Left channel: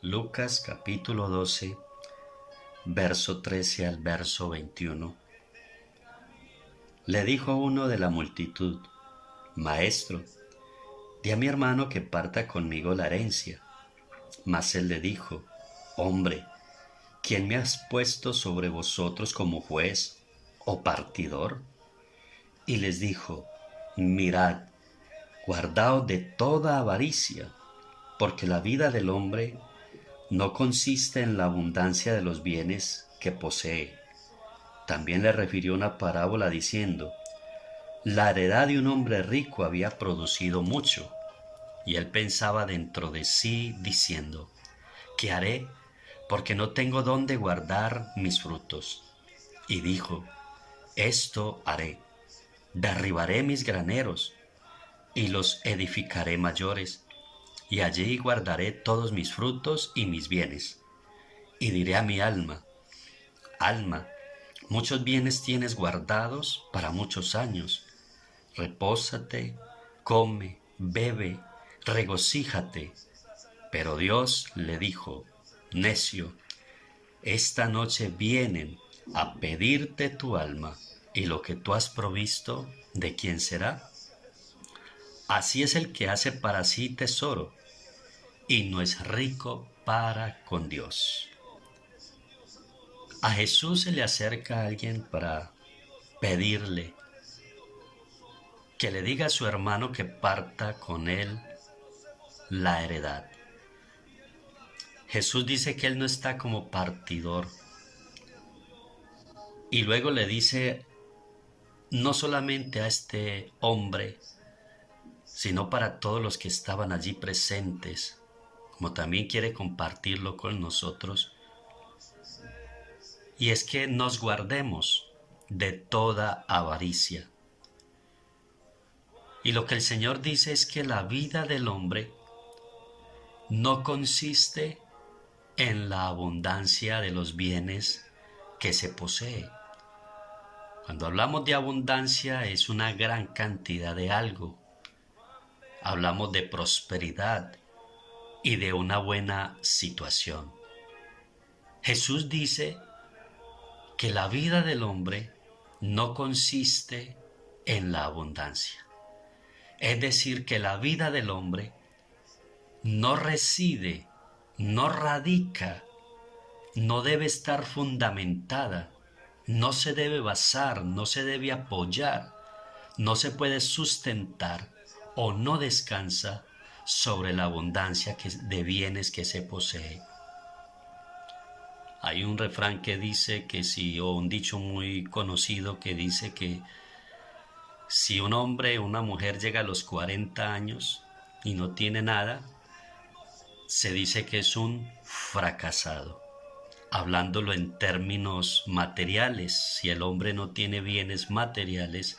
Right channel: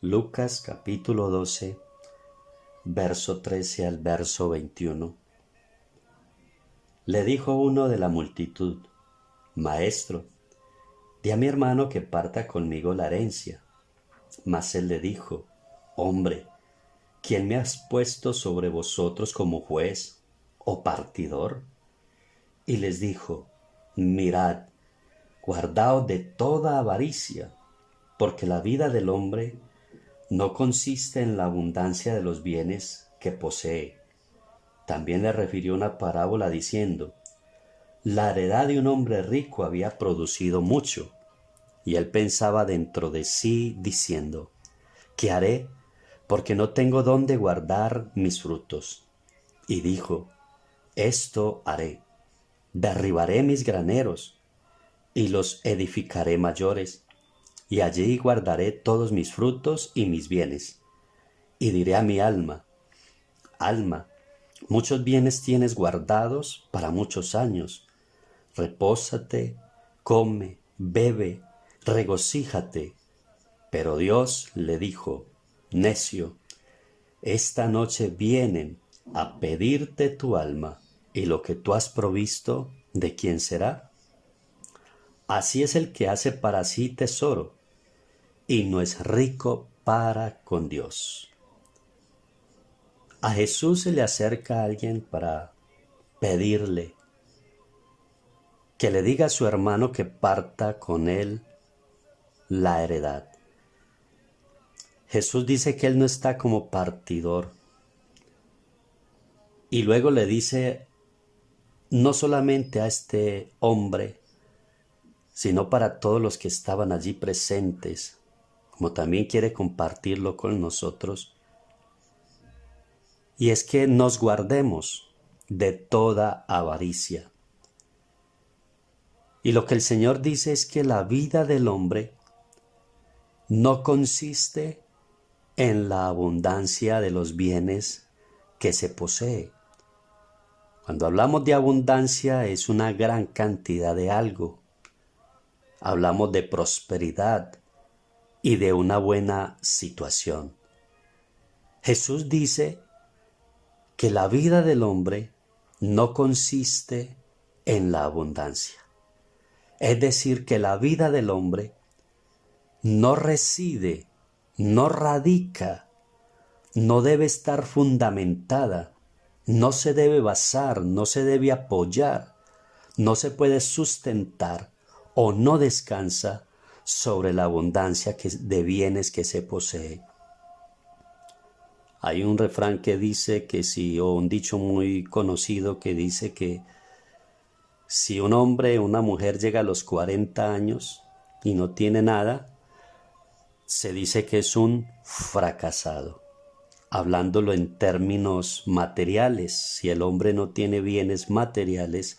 Lucas capítulo 12, verso 13 al verso 21. Le dijo uno de la multitud: Maestro, di a mi hermano que parta conmigo la herencia. Mas él le dijo: Hombre, ¿quién me has puesto sobre vosotros como juez o partidor? Y les dijo: Mirad, guardaos de toda avaricia, porque la vida del hombre no consiste en la abundancia de los bienes que posee. También le refirió una parábola diciendo: La heredad de un hombre rico había producido mucho, y él pensaba dentro de sí diciendo: ¿Qué haré? Porque no tengo dónde guardar mis frutos. Y dijo: Esto haré: derribaré mis graneros y los edificaré mayores, y allí guardaré todos mis frutos y mis bienes. Y diré a mi alma: Alma, muchos bienes tienes guardados para muchos años. Repósate, come, bebe, regocíjate. Pero Dios le dijo: Necio, esta noche vienen a pedirte tu alma, y lo que tú has provisto, ¿de quién será? Así es el que hace para sí tesoro y no es rico para con Dios. A Jesús se le acerca alguien para pedirle que le diga a su hermano que parta con él la heredad. Jesús dice que él no está como partidor. Y luego le dice no solamente a este hombre, sino para todos los que estaban allí presentes, como también quiere compartirlo con nosotros. Y es que nos guardemos de toda avaricia. Y lo que el Señor dice es que la vida del hombre no consiste en la abundancia de los bienes que se posee. Cuando hablamos de abundancia es una gran cantidad de algo. Hablamos de prosperidad y de una buena situación. Jesús dice que la vida del hombre no consiste en la abundancia. Es decir, que la vida del hombre no reside, no radica, no debe estar fundamentada, no se debe basar, no se debe apoyar, no se puede sustentar o no descansa sobre la abundancia de bienes que se posee. Hay un refrán que dice que o un dicho muy conocido que dice que si un hombre o una mujer llega a los 40 años y no tiene nada, se dice que es un fracasado. Hablándolo en términos materiales, si el hombre no tiene bienes materiales,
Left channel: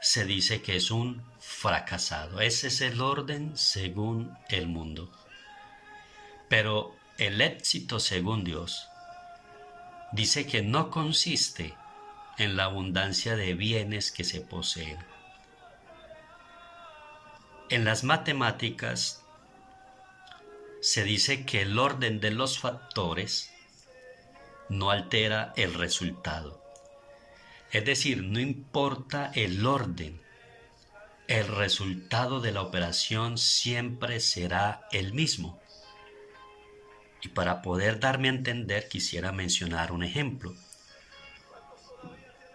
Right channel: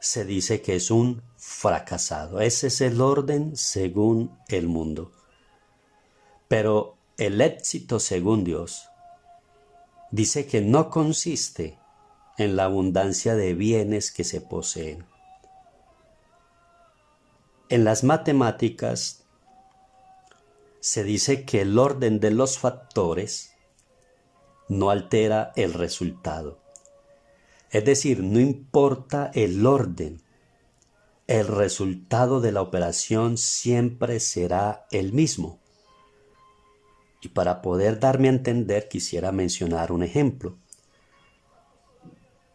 se dice que es un fracasado. Ese es el orden según el mundo. Pero el éxito según Dios dice que no consiste en la abundancia de bienes que se poseen. En las matemáticas se dice que el orden de los factores no altera el resultado. Es decir, no importa el orden, el resultado de la operación siempre será el mismo. Y para poder darme a entender, quisiera mencionar un ejemplo.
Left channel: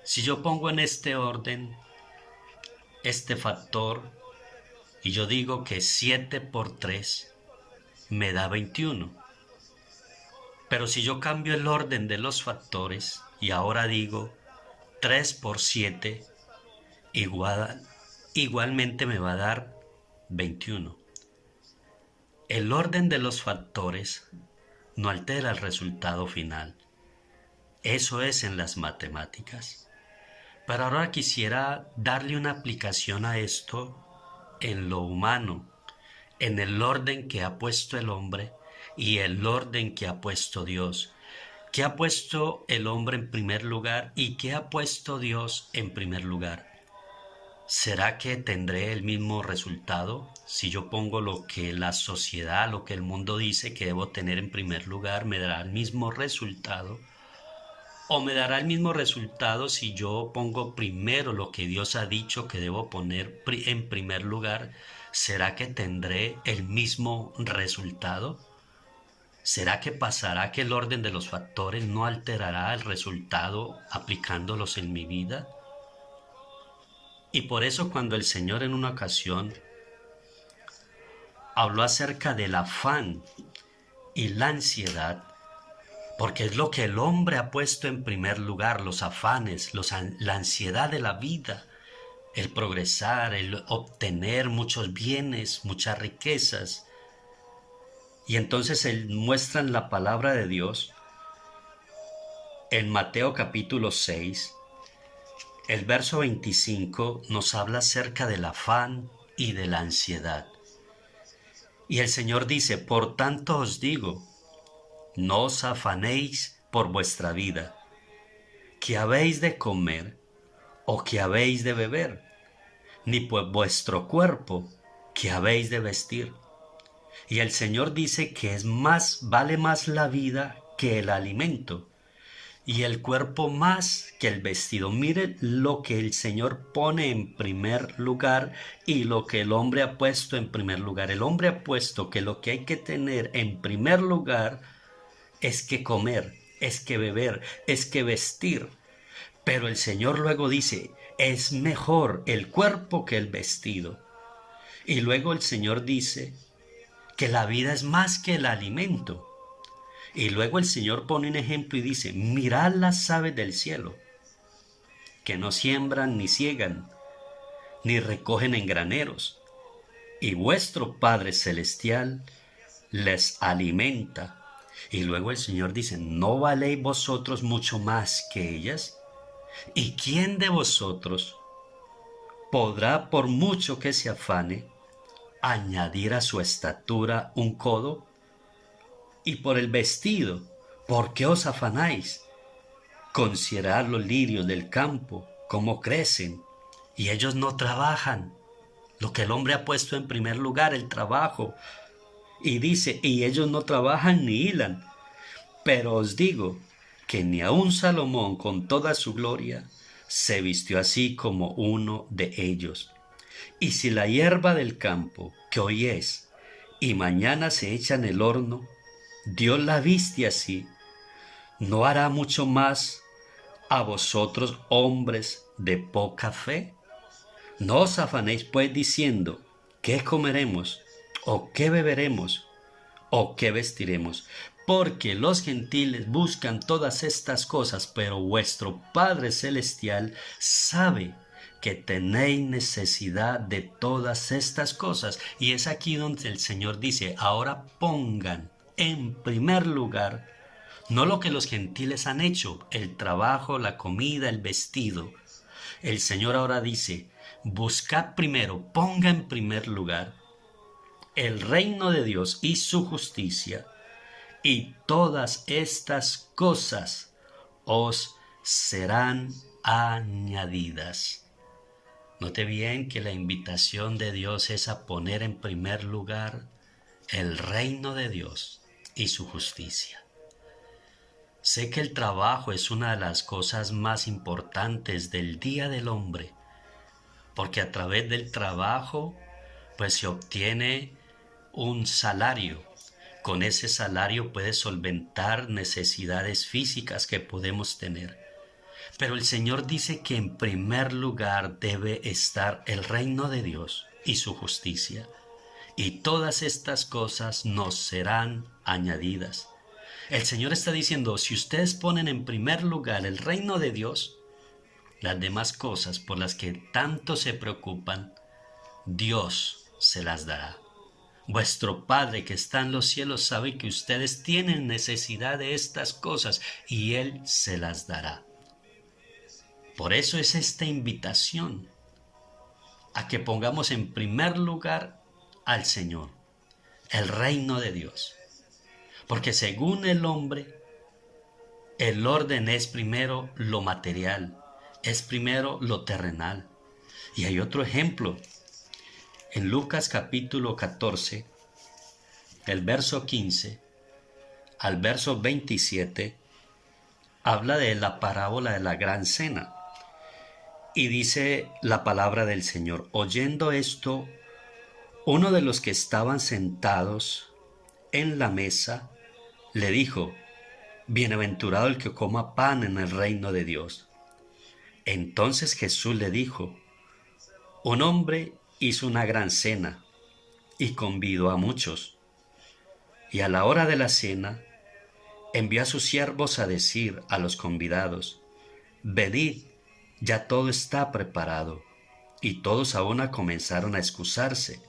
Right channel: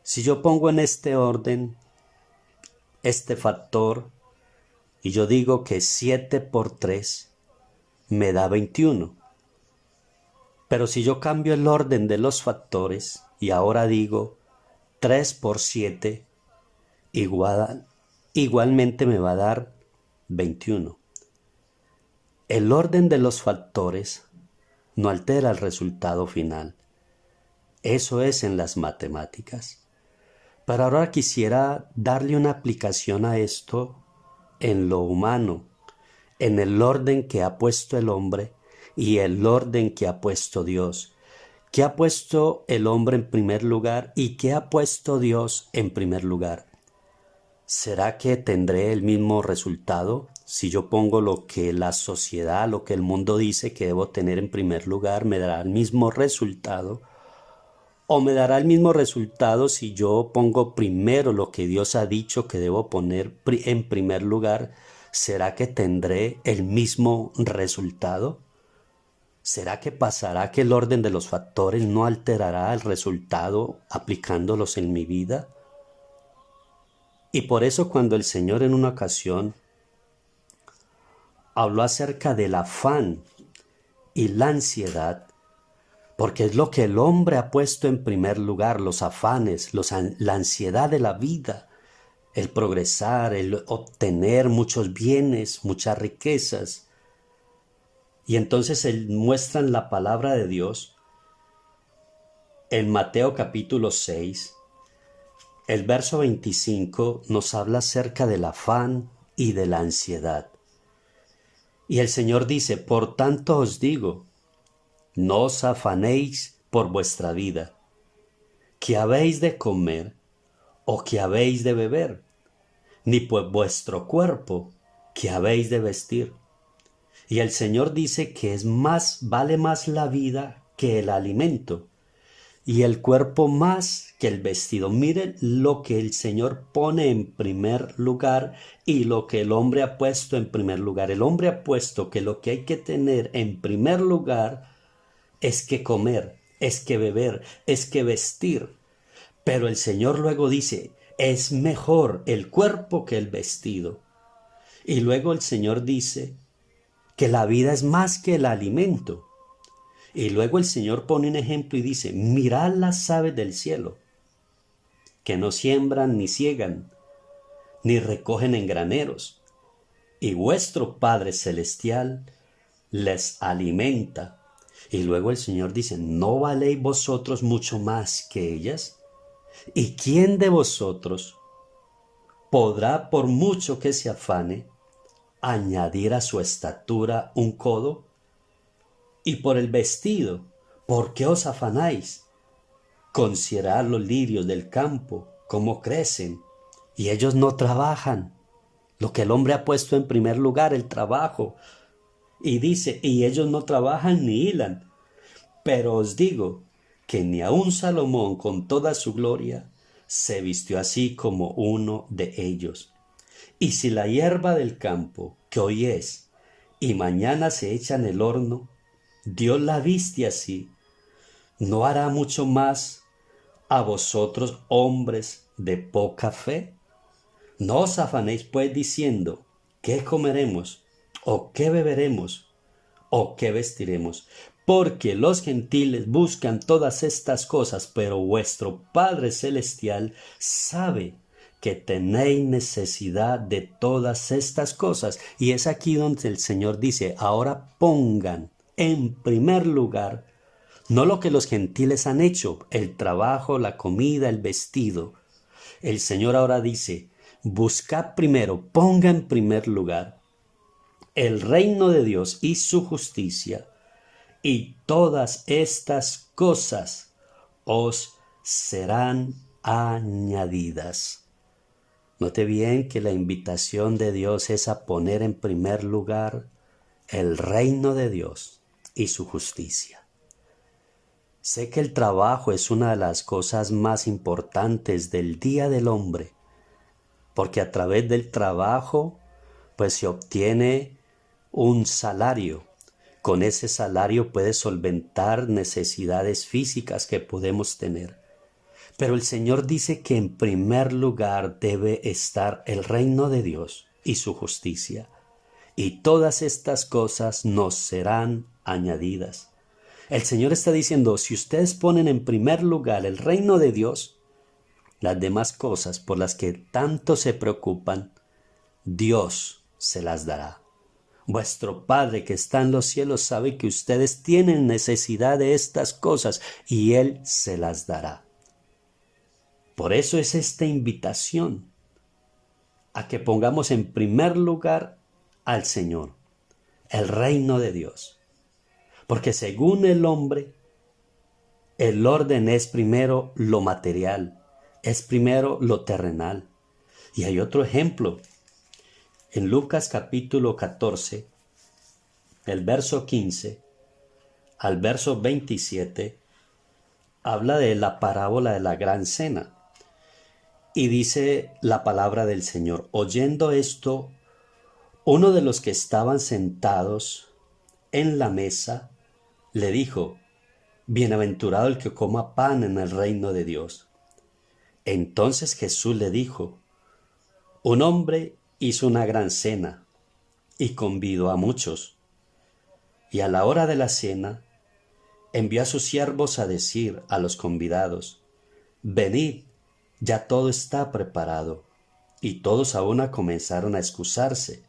Si yo pongo en este orden este factor y yo digo que 7 por 3 me da 21. Pero si yo cambio el orden de los factores y ahora digo 3 por 7 igualmente me va a dar 21. El orden de los factores no altera el resultado final. Eso es en las matemáticas. Pero ahora quisiera darle una aplicación a esto en lo humano, en el orden que ha puesto el hombre y el orden que ha puesto Dios. ¿Qué ha puesto el hombre en primer lugar y qué ha puesto Dios en primer lugar? ¿será que tendré el mismo resultado? Si yo pongo lo que la sociedad, lo que el mundo dice que debo tener en primer lugar, ¿me dará el mismo resultado? ¿O me dará el mismo resultado si yo pongo primero lo que Dios ha dicho que debo poner en primer lugar? ¿Será que tendré el mismo resultado? ¿Será que pasará que el orden de los factores no alterará el resultado aplicándolos en mi vida? Y por eso cuando el Señor en una ocasión habló acerca del afán y la ansiedad, porque es lo que el hombre ha puesto en primer lugar, los afanes, la ansiedad de la vida, el progresar, el obtener muchos bienes, muchas riquezas. Y entonces él muestra en la palabra de Dios, en Mateo capítulo 6, el verso 25 nos habla acerca del afán y de la ansiedad. Y el Señor dice, por tanto os digo, no os afanéis por vuestra vida, que habéis de comer o que habéis de beber, ni por vuestro cuerpo, que habéis de vestir. Y el Señor dice que vale más la vida que el alimento, y el cuerpo más que el vestido. Miren lo que el Señor pone en primer lugar y lo que el hombre ha puesto en primer lugar. El hombre ha puesto que lo que hay que tener en primer lugar es que comer, es que beber, es que vestir. Pero el Señor luego dice, es mejor el cuerpo que el vestido. Y luego el Señor dice que la vida es más que el alimento. Y luego el Señor pone un ejemplo y dice, mirad las aves del cielo, que no siembran ni ciegan, ni recogen en graneros, y vuestro Padre Celestial les alimenta. Y luego el Señor dice, ¿no valéis vosotros mucho más que ellas? ¿Y quién de vosotros podrá, por mucho que se afane, añadir a su estatura un codo? Y por el vestido, ¿por qué os afanáis? Considerad los lirios del campo, cómo crecen, y ellos no trabajan. Lo que el hombre ha puesto en primer lugar, el trabajo. Y dice, y ellos no trabajan ni hilan. Pero os digo que ni aun Salomón con toda su gloria se vistió así como uno de ellos. Y si la hierba del campo, que hoy es, y mañana se echa en el horno, Dios la viste así, ¿no hará mucho más a vosotros, hombres de poca fe? No os afanéis pues diciendo, ¿qué comeremos? ¿O qué beberemos? ¿O qué vestiremos? Porque los gentiles buscan todas estas cosas, pero vuestro Padre Celestial sabe que tenéis necesidad de todas estas cosas. Y es aquí donde el Señor dice, ahora pongan en primer lugar no lo que los gentiles han hecho, el trabajo, la comida, el vestido. El Señor ahora dice, buscad primero, ponga en primer lugar el reino de Dios y su justicia, y todas estas cosas os serán añadidas. Note bien que la invitación de Dios es a poner en primer lugar el reino de Dios y su justicia. Sé que el trabajo es una de las cosas más importantes del día del hombre, porque a través del trabajo pues se obtiene un salario. Con ese salario puedes solventar necesidades físicas que podemos tener. Pero el Señor dice que en primer lugar debe estar el reino de Dios y su justicia, y todas estas cosas nos serán añadidas. El Señor está diciendo, si ustedes ponen en primer lugar el reino de Dios, las demás cosas por las que tanto se preocupan, Dios se las dará. Vuestro Padre que está en los cielos sabe que ustedes tienen necesidad de estas cosas y Él se las dará. Por eso es esta invitación a que pongamos en primer lugar al Señor, el reino de Dios. Porque según el hombre, el orden es primero lo material, es primero lo terrenal. Y hay otro ejemplo. En Lucas capítulo 14, el verso 15 al verso 27, habla de la parábola de la gran cena. Y dice la palabra del Señor: oyendo esto, uno de los que estaban sentados en la mesa le dijo: bienaventurado el que coma pan en el reino de Dios. Entonces Jesús le dijo: un hombre hizo una gran cena y convidó a muchos. Y a la hora de la cena envió a sus siervos a decir a los convidados: venid, ya todo está preparado. Y todos a una comenzaron a excusarse.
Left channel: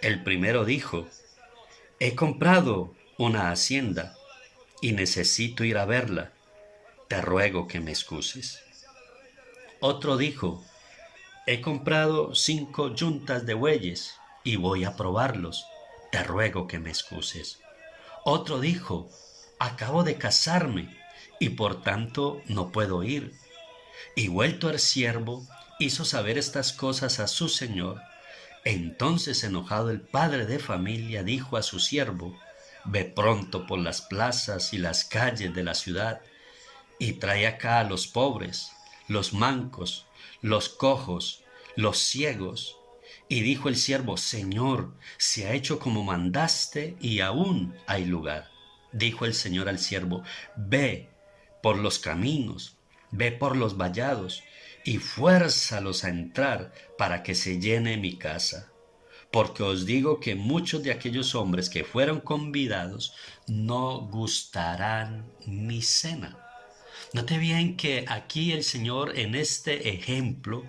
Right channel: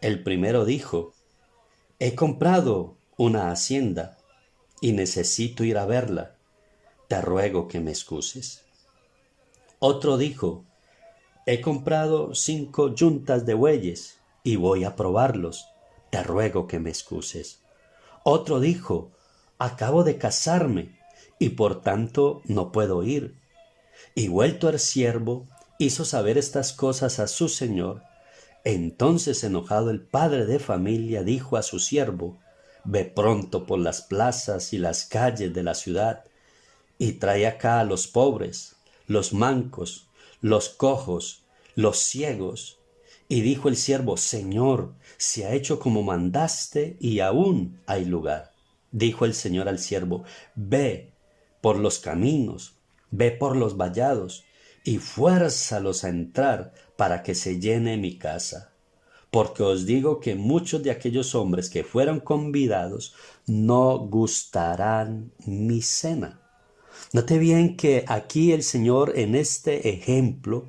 El primero dijo: he comprado una hacienda y necesito ir a verla. Te ruego que me excuses. Otro dijo: he comprado 5 yuntas de bueyes y voy a probarlos. Te ruego que me excuses. Otro dijo: acabo de casarme y por tanto no puedo ir. Y vuelto el siervo, hizo saber estas cosas a su señor. Entonces, enojado, el padre de familia dijo a su siervo: ve pronto por las plazas y las calles de la ciudad y trae acá a los pobres, los mancos, los cojos, los ciegos. Y dijo el siervo: Señor, se ha hecho como mandaste y aún hay lugar. Dijo el Señor al siervo: ve por los caminos, ve por los vallados y fuérzalos a entrar para que se llene mi casa. Porque os digo que muchos de aquellos hombres que fueron convidados no gustarán mi cena. Note bien que aquí el Señor en este ejemplo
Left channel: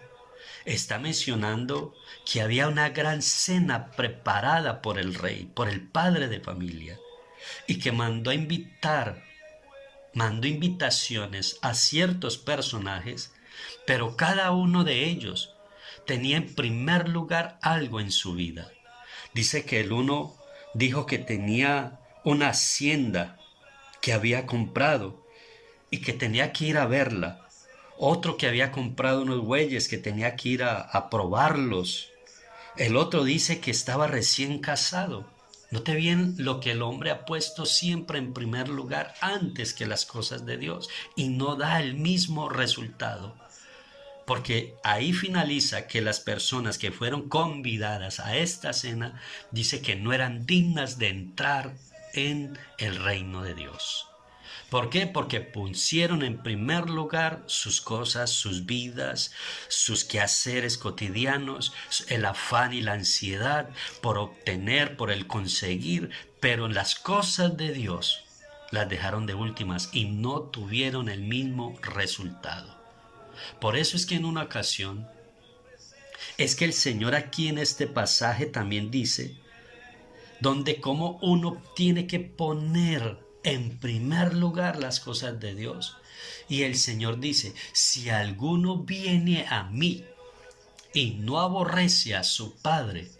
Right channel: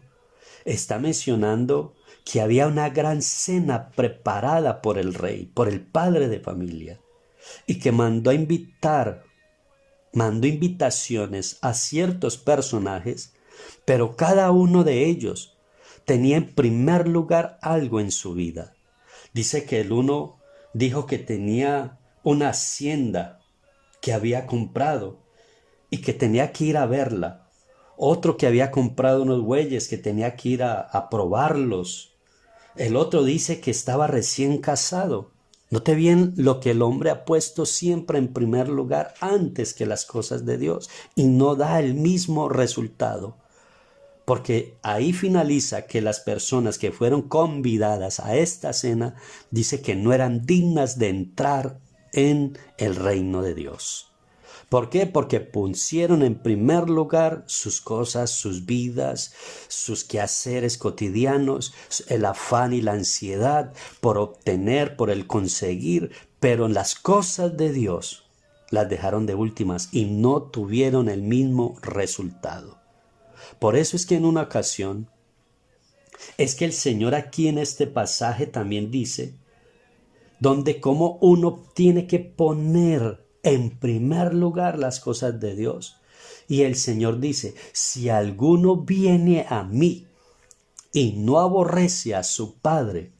está mencionando que había una gran cena preparada por el rey, por el padre de familia, y que mandó invitaciones a ciertos personajes, pero cada uno de ellos tenía en primer lugar algo en su vida. Dice que el uno dijo que tenía una hacienda que había comprado y que tenía que ir a verla. Otro que había comprado unos bueyes que tenía que ir a probarlos. El otro dice que estaba recién casado. Note bien lo que el hombre ha puesto siempre en primer lugar antes que las cosas de Dios y no da el mismo resultado. Porque ahí finaliza que las personas que fueron convidadas a esta cena dice que no eran dignas de entrar en el reino de Dios. ¿Por qué? Porque pusieron en primer lugar sus cosas, sus vidas, sus quehaceres cotidianos, el afán y la ansiedad por obtener, por el conseguir, pero en las cosas de Dios las dejaron de últimas y no tuvieron el mismo resultado. Por eso es que en una ocasión, es que el Señor aquí en este pasaje también dice, donde como uno tiene que poner en primer lugar las cosas de Dios. Y el Señor dice: si alguno viene a mí y no aborrece a su padre,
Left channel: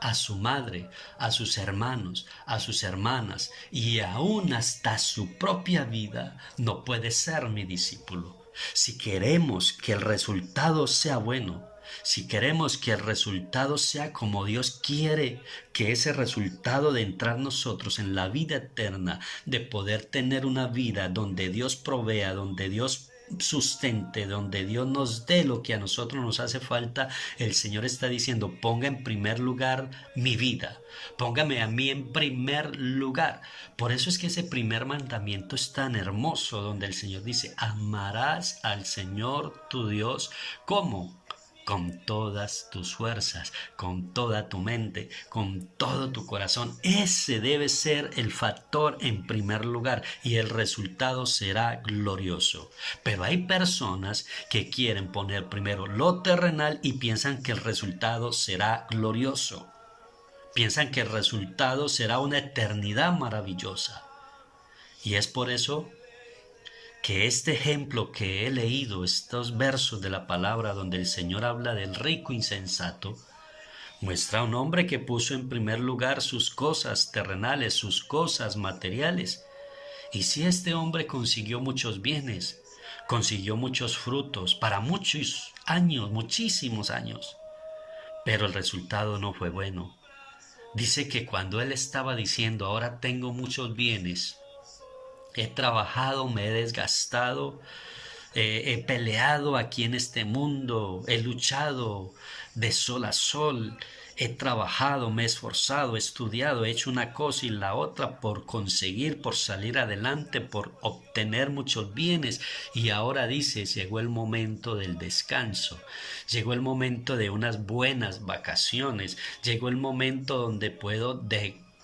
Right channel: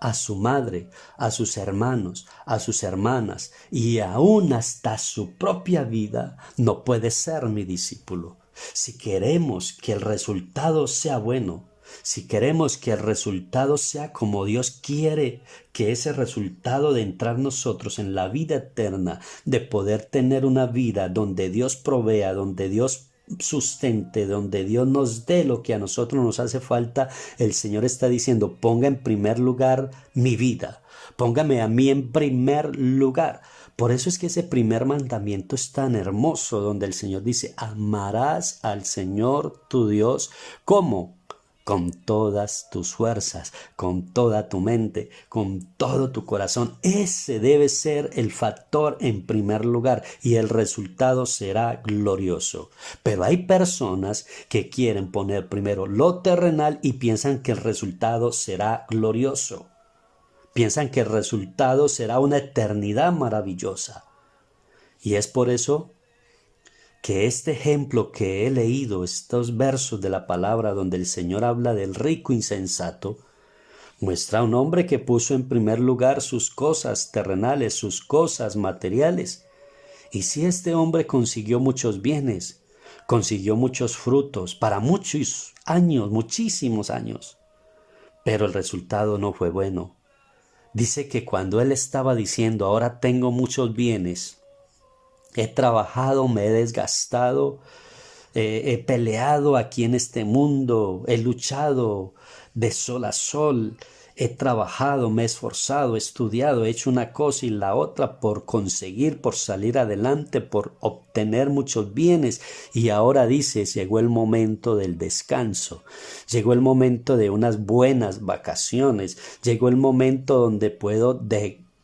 a su madre, a sus hermanos, a sus hermanas y aún hasta su propia vida, no puede ser mi discípulo. Si queremos que el resultado sea bueno, si queremos que el resultado sea como Dios quiere, que ese resultado de entrar nosotros en la vida eterna, de poder tener una vida donde Dios provea, donde Dios sustente, donde Dios nos dé lo que a nosotros nos hace falta, el Señor está diciendo: ponga en primer lugar mi vida, póngame a mí en primer lugar. Por eso es que ese primer mandamiento es tan hermoso, donde el Señor dice: amarás al Señor tu Dios. ¿Cómo? Con todas tus fuerzas, con toda tu mente, con todo tu corazón. Ese debe ser el factor en primer lugar y el resultado será glorioso. Pero hay personas que quieren poner primero lo terrenal y piensan que el resultado será glorioso. Piensan que el resultado será una eternidad maravillosa. Y es por eso que este ejemplo que he leído, estos versos de la palabra donde el Señor habla del rico insensato, muestra a un hombre que puso en primer lugar sus cosas terrenales, sus cosas materiales. Y si este hombre consiguió muchos bienes, consiguió muchos frutos, para muchos años, muchísimos años, pero el resultado no fue bueno. Dice que cuando él estaba diciendo, ahora tengo muchos bienes, he trabajado, me he desgastado, he peleado aquí en este mundo, he luchado de sol a sol, he trabajado, me he esforzado, he estudiado, he hecho una cosa y la otra por conseguir, por salir adelante, por obtener muchos bienes. Y ahora dice, llegó el momento del descanso, llegó el momento de unas buenas vacaciones, llegó el momento donde puedo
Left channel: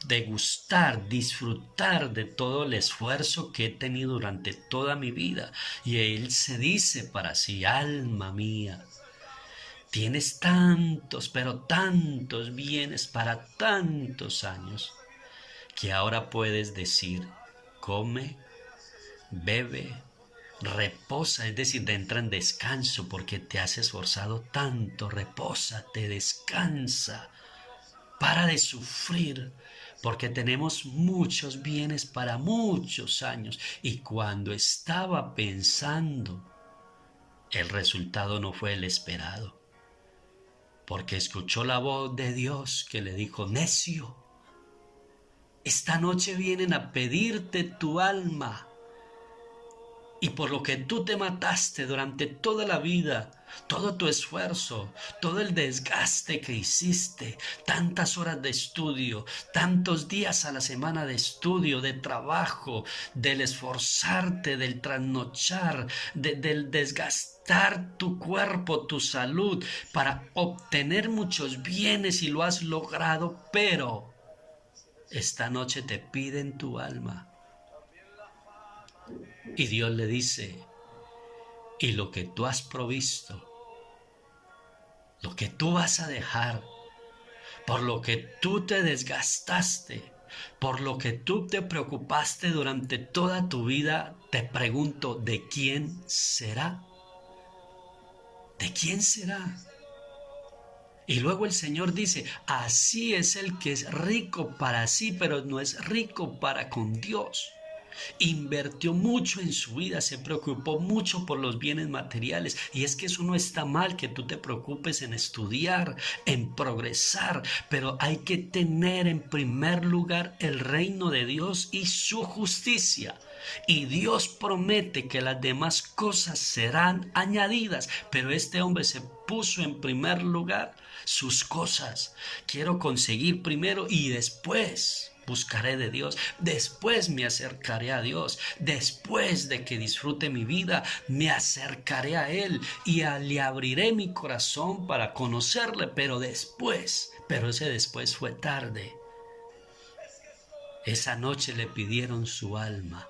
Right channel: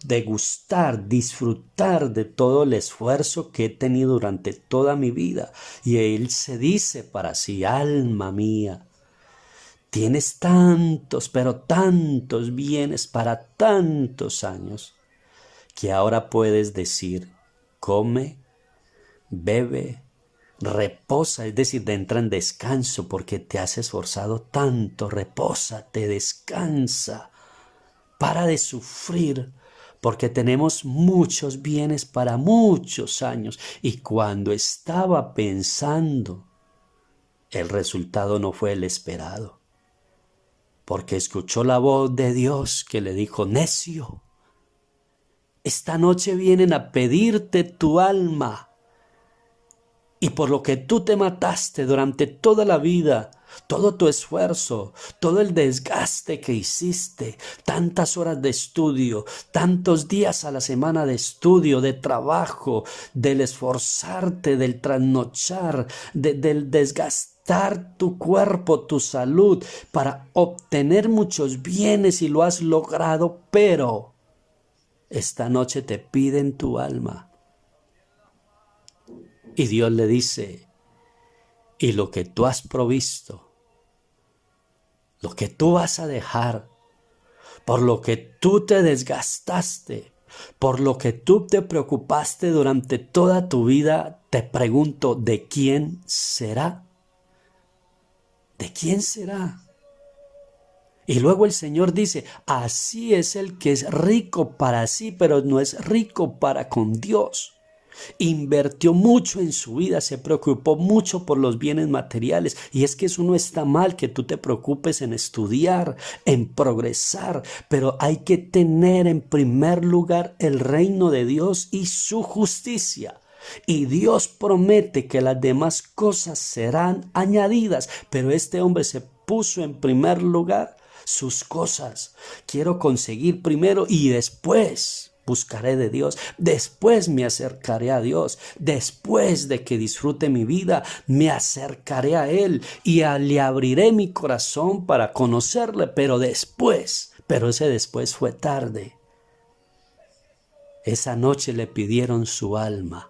degustar, disfrutar de todo el esfuerzo que he tenido durante toda mi vida. Y él se dice para sí, alma mía, tienes tantos, pero tantos bienes para tantos años, que ahora puedes decir, come, bebe, reposa, es decir, entra en descanso porque te has esforzado tanto, repósate, descansa, para de sufrir, porque tenemos muchos bienes para muchos años. Y cuando estaba pensando, el resultado no fue el esperado, porque escuchó la voz de Dios que le dijo, necio, esta noche vienen a pedirte tu alma, y por lo que tú te mataste durante toda la vida, todo tu esfuerzo, todo el desgaste que hiciste, tantas horas de estudio, tantos días a la semana de estudio, de trabajo, del esforzarte, del trasnochar, del desgastar tu cuerpo, tu salud, para obtener muchos bienes y lo has logrado, pero esta noche te piden tu alma. Y Dios le dice, y lo que tú has provisto, lo que tú vas a dejar, por lo que tú te desgastaste, por lo que tú te preocupaste durante toda tu vida, te pregunto, ¿de quién será? ¿De quién será? Y luego el Señor dice, así es el que es rico para sí, pero no es rico para con Dios. Invirtió mucho en su vida, se preocupó mucho por los bienes materiales, y es que eso no está mal, que tú te preocupes en estudiar, en progresar, pero hay que tener en primer lugar el reino de Dios y su justicia. Y Dios promete que las demás cosas serán añadidas, pero este hombre se puso en primer lugar sus cosas. Quiero conseguir primero y después buscaré de Dios, después me acercaré a Dios, después de que disfrute mi vida, me acercaré a Él y le abriré mi corazón para conocerle, pero ese después fue tarde. Esa noche le pidieron su alma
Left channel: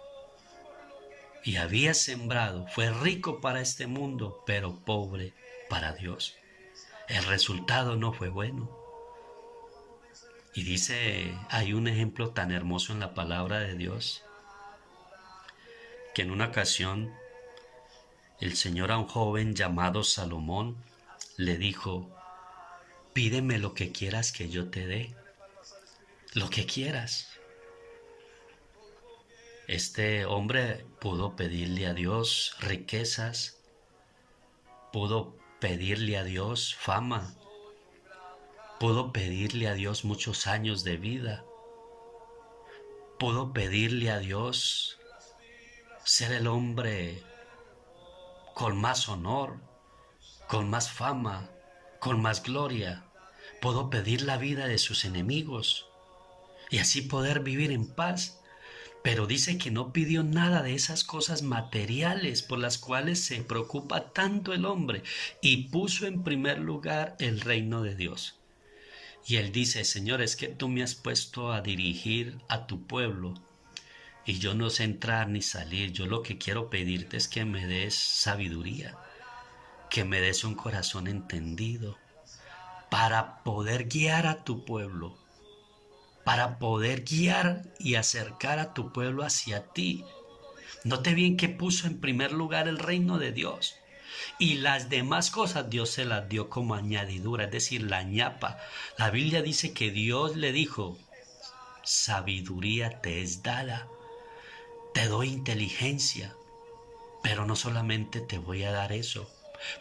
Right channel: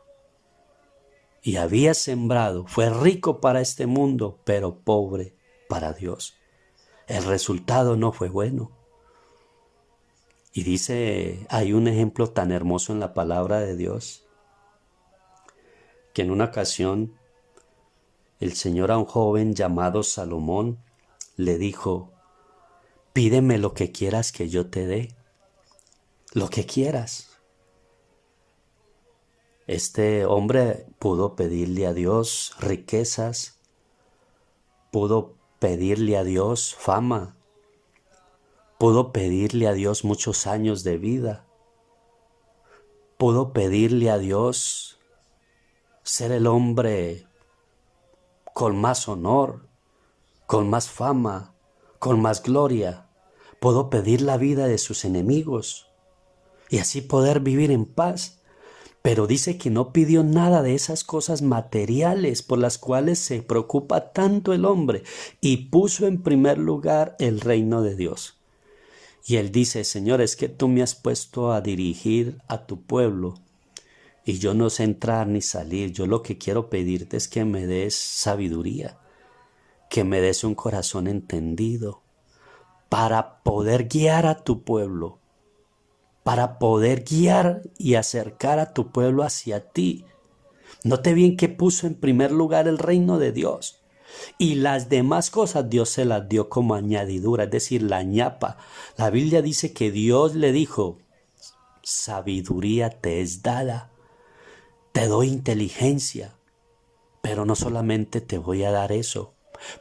y había sembrado, fue rico para este mundo, pero pobre para Dios. El resultado no fue bueno. Y dice, hay un ejemplo tan hermoso en la palabra de Dios, que en una ocasión el Señor a un joven llamado Salomón le dijo, pídeme lo que quieras que yo te dé, lo que quieras. Este hombre pudo pedirle a Dios riquezas, pudo pedirle a Dios fama, pudo pedirle a Dios muchos años de vida, pudo pedirle a Dios ser el hombre con más honor, con más fama, con más gloria. Pudo pedir la vida de sus enemigos y así poder vivir en paz. Pero dice que no pidió nada de esas cosas materiales por las cuales se preocupa tanto el hombre, y puso en primer lugar el reino de Dios. Y él dice, Señor, es que tú me has puesto a dirigir a tu pueblo y yo no sé entrar ni salir. Yo lo que quiero pedirte es que me des sabiduría, que me des un corazón entendido para poder guiar a tu pueblo, para poder guiar y acercar a tu pueblo hacia ti. Note bien que puso en primer lugar el reino de Dios, y las demás cosas Dios se las dio como añadidura, es decir, la ñapa. La Biblia dice que Dios le dijo, sabiduría te es dada, te doy inteligencia, pero no solamente te voy a dar eso,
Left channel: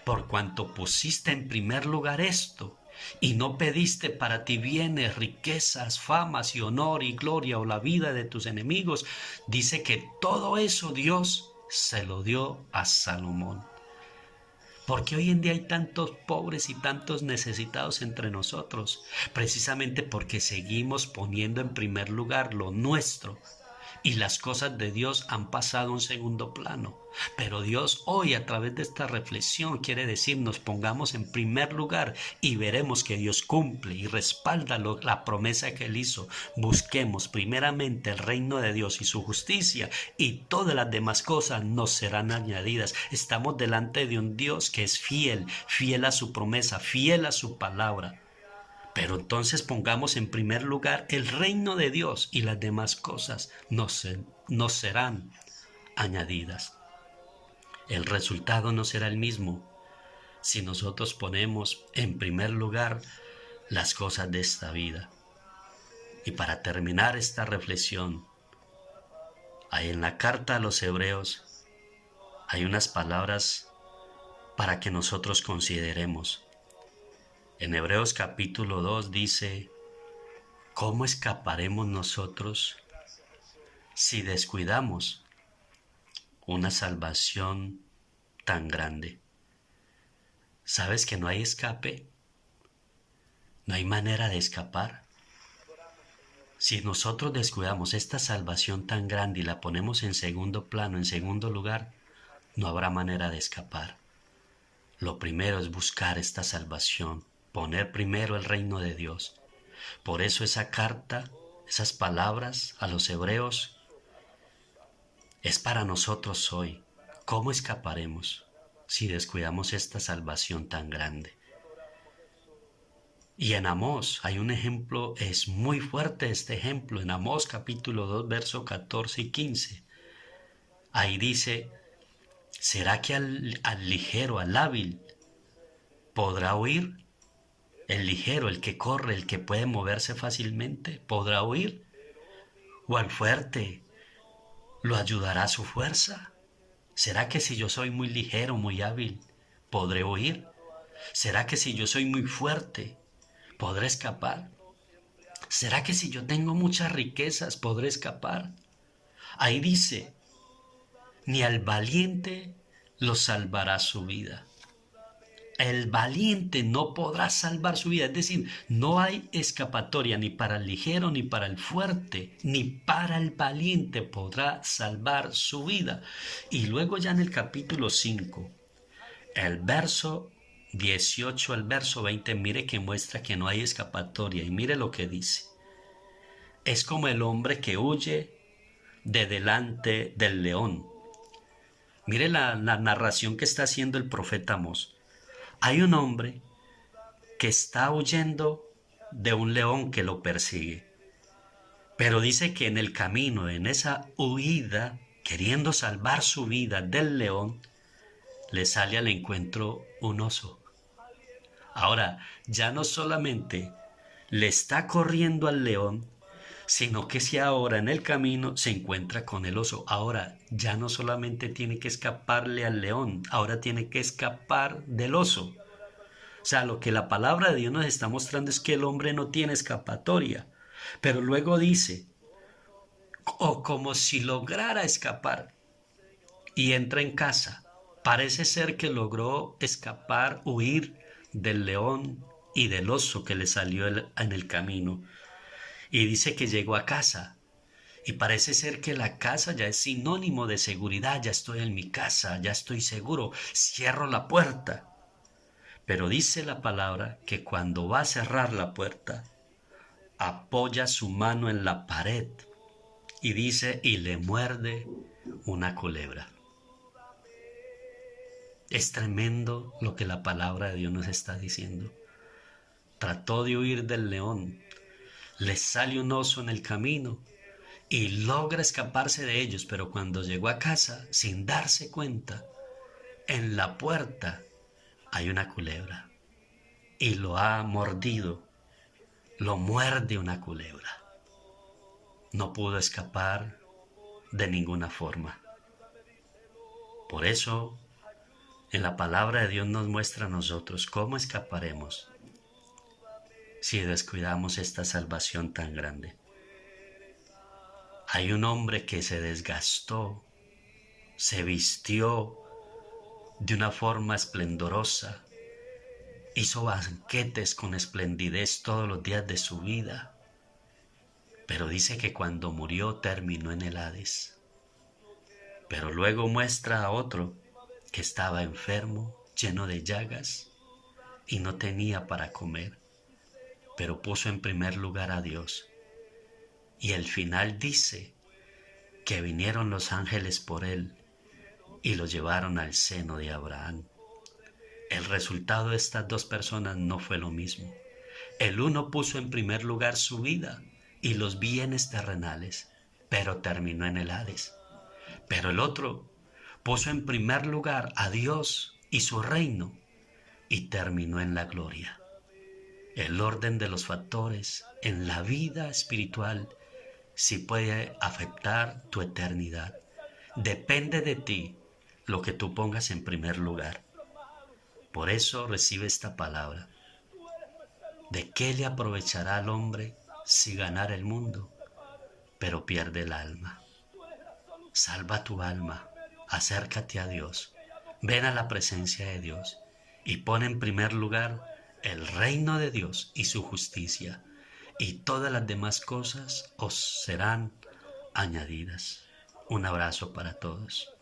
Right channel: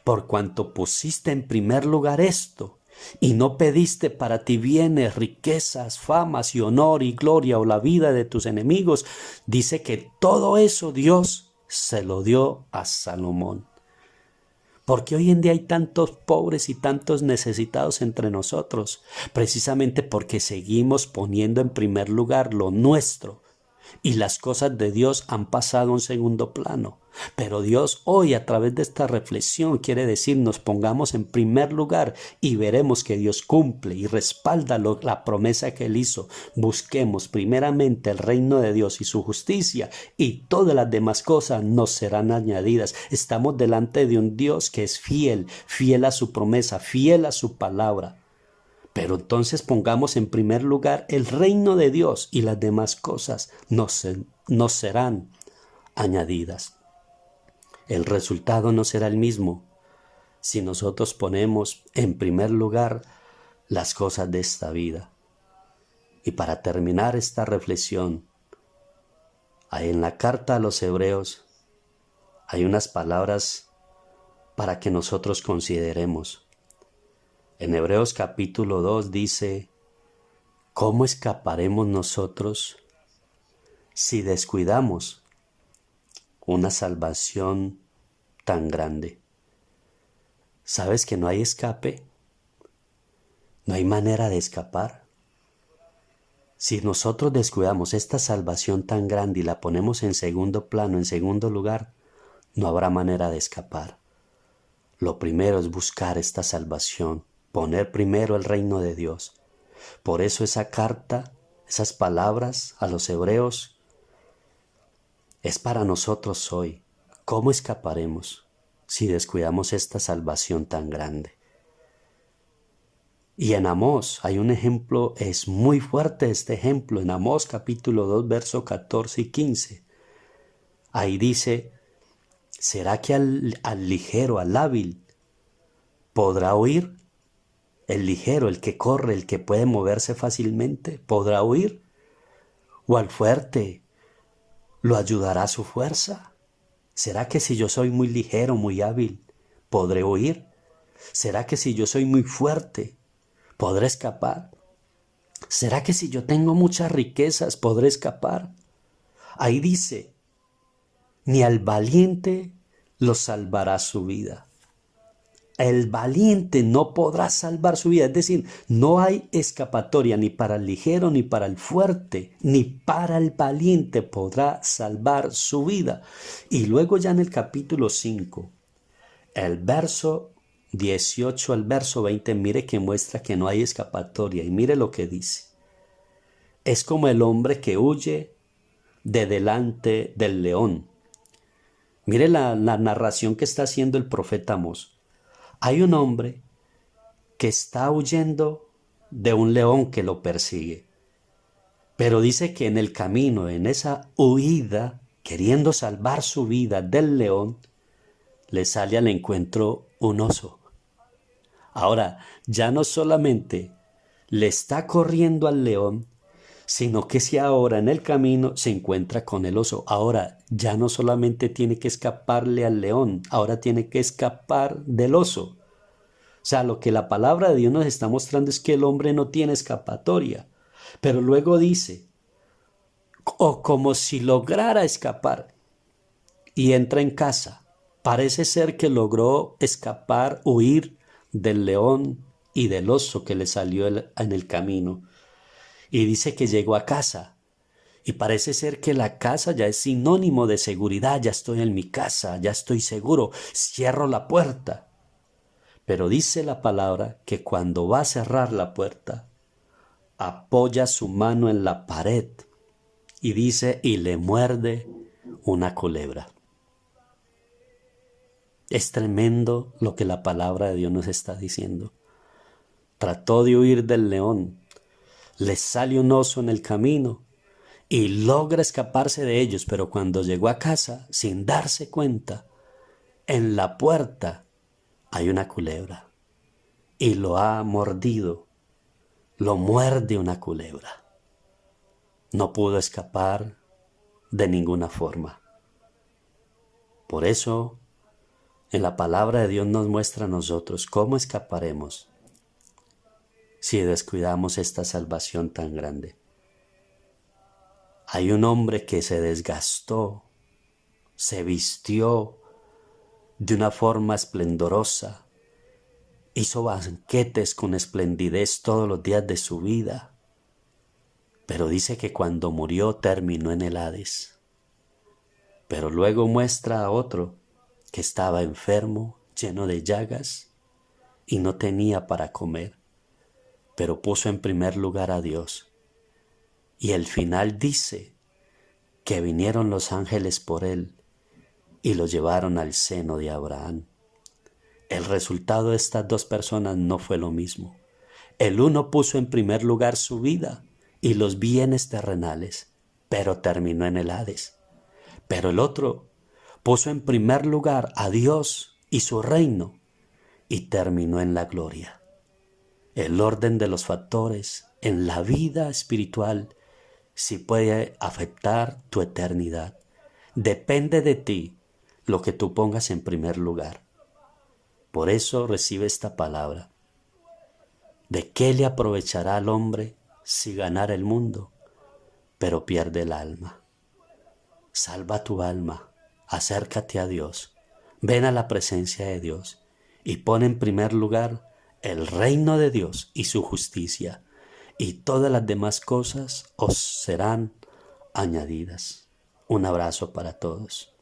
por cuanto pusiste en primer lugar esto, y no pediste para ti bienes, riquezas, famas y honor y gloria o la vida de tus enemigos, dice que todo eso Dios se lo dio a Salomón. ¿Por qué hoy en día hay tantos pobres y tantos necesitados entre nosotros? Precisamente porque seguimos poniendo en primer lugar lo nuestro y las cosas de Dios han pasado a un segundo plano. Pero Dios hoy, a través de esta reflexión, quiere decirnos: pongamos en primer lugar y veremos que Dios cumple y respalda la promesa que Él hizo. Busquemos primeramente el reino de Dios y su justicia, y todas las demás cosas nos serán añadidas. Estamos delante de un Dios que es fiel, fiel a su promesa, fiel a su palabra. Pero entonces pongamos en primer lugar el reino de Dios y las demás cosas nos serán añadidas. El resultado no será el mismo si nosotros ponemos en primer lugar las cosas de esta vida. Y para terminar esta reflexión, ahí en la carta a los Hebreos hay unas palabras para que nosotros consideremos. En Hebreos capítulo 2 dice: ¿cómo escaparemos nosotros si descuidamos una salvación tan grande? ¿Sabes que no hay escape? No hay manera de escapar. Si nosotros descuidamos esta salvación tan grande y la ponemos en segundo plano, en segundo lugar, no habrá manera de escapar. Lo primero es buscar esta salvación, poner primero el reino de Dios. Por eso esa carta, esas palabras a los hebreos, es para nosotros hoy. ¿Cómo escaparemos si descuidamos esta salvación tan grande? Y en Amós hay un ejemplo, es muy fuerte este ejemplo, en Amós capítulo 2, versos 14 y 15. Ahí dice: ¿será que al ligero, al hábil, podrá huir? El ligero, el que corre, el que puede moverse fácilmente, ¿podrá huir? ¿O al fuerte lo ayudará su fuerza? ¿Será que si yo soy muy ligero, muy hábil, podré huir? ¿Será que si yo soy muy fuerte, podré escapar? ¿Será que si yo tengo muchas riquezas, podré escapar? Ahí dice: ni al valiente lo salvará su vida. El valiente no podrá salvar su vida, es decir, no hay escapatoria ni para el ligero, ni para el fuerte, ni para el valiente podrá salvar su vida. Y luego ya en el capítulo 5, el verso 18 al verso 20, mire que muestra que no hay escapatoria, y mire lo que dice: es como el hombre que huye de delante del león. Mire la narración que está haciendo el profeta Amós. Hay un hombre que está huyendo de un león que lo persigue, pero dice que en el camino, en esa huida, queriendo salvar su vida del león, le sale al encuentro un oso. Ahora, ya no solamente le está corriendo al león, sino que si ahora en el camino se encuentra con el oso. Ahora ya no solamente tiene que escaparle al león, ahora tiene que escapar del oso. O sea, lo que la palabra de Dios nos está mostrando es que el hombre no tiene escapatoria. Pero luego dice: o como si lograra escapar, y entra en casa. Parece ser que logró escapar, huir del león y del oso que le salió en el camino. Y dice que llegó a casa. Y parece ser que la casa ya es sinónimo de seguridad. Ya estoy en mi casa, ya estoy seguro. Cierro la puerta. Pero dice la palabra que cuando va a cerrar la puerta, apoya su mano en la pared y dice: y le muerde una culebra. Es tremendo lo que la palabra de Dios nos está diciendo. Trató de huir del león, le sale un oso en el camino y logra escaparse de ellos, pero cuando llegó a casa, sin darse cuenta, en la puerta hay una culebra. Y lo ha mordido, lo muerde una culebra. No pudo escapar de ninguna forma. Por eso, En la palabra de Dios nos muestra a nosotros cómo escaparemos si descuidamos esta salvación tan grande. Hay un hombre que se desgastó, se vistió de una forma esplendorosa, hizo banquetes con esplendidez todos los días de su vida, pero dice que cuando murió terminó en el Hades. Pero luego muestra a otro que estaba enfermo, lleno de llagas y no tenía para comer, pero puso en primer lugar a Dios. Y el final dice que vinieron los ángeles por él y lo llevaron al seno de Abraham. El resultado de estas dos personas no fue lo mismo. El uno puso en primer lugar su vida y los bienes terrenales, pero terminó en el Hades. Pero el otro puso en primer lugar a Dios y su reino y terminó en la gloria. El orden de los factores en la vida espiritual sí puede afectar tu eternidad. Depende de ti lo que tú pongas en primer lugar. Por eso recibe esta palabra. ¿De qué le aprovechará al hombre si ganara el mundo, pero pierde el alma? Salva tu alma, acércate a Dios, ven a la presencia de Dios y pon en primer lugar el reino de Dios y su justicia, y todas las demás cosas os serán añadidas. Un abrazo para todos.